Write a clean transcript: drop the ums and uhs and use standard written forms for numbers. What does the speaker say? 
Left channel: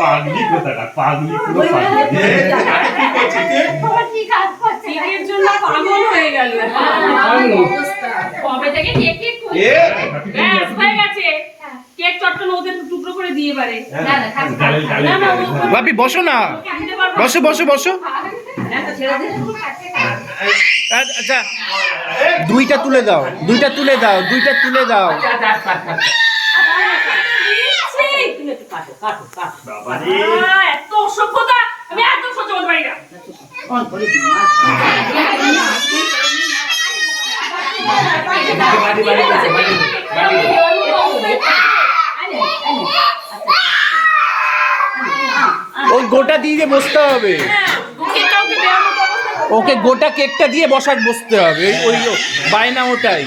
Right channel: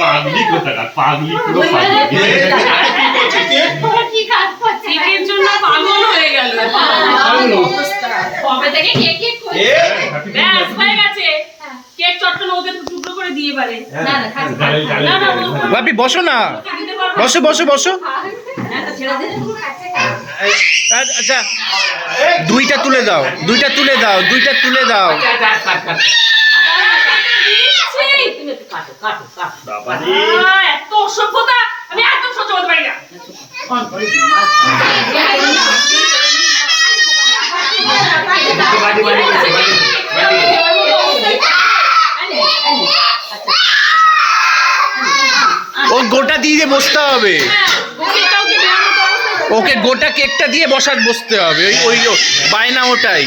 পাগলি কোথাকার, পাগলি পুরো পাগলি। কেকের জন্য পাগল হয়ে গেল। কবে থেকে কেক কেক করছে? ব্যাস হয়ে গেছে। কেক চটকানো ওদের টুকরো করে দিয়ে পারে। না না বাপি বসো না, বসো বসো বসো। আচ্ছা দুইটা তুলে দাও, দুইটা তুলে দাও, দুইটা তুলে দাও। এত অসভ্যতা আমি একদম সহ্য করতে পারি না। ও গোটা দিয়ে বসতে হবে, ওকে গোটা কেকটা দিয়ে বসতে হবে, ওই বায়না ওটাই।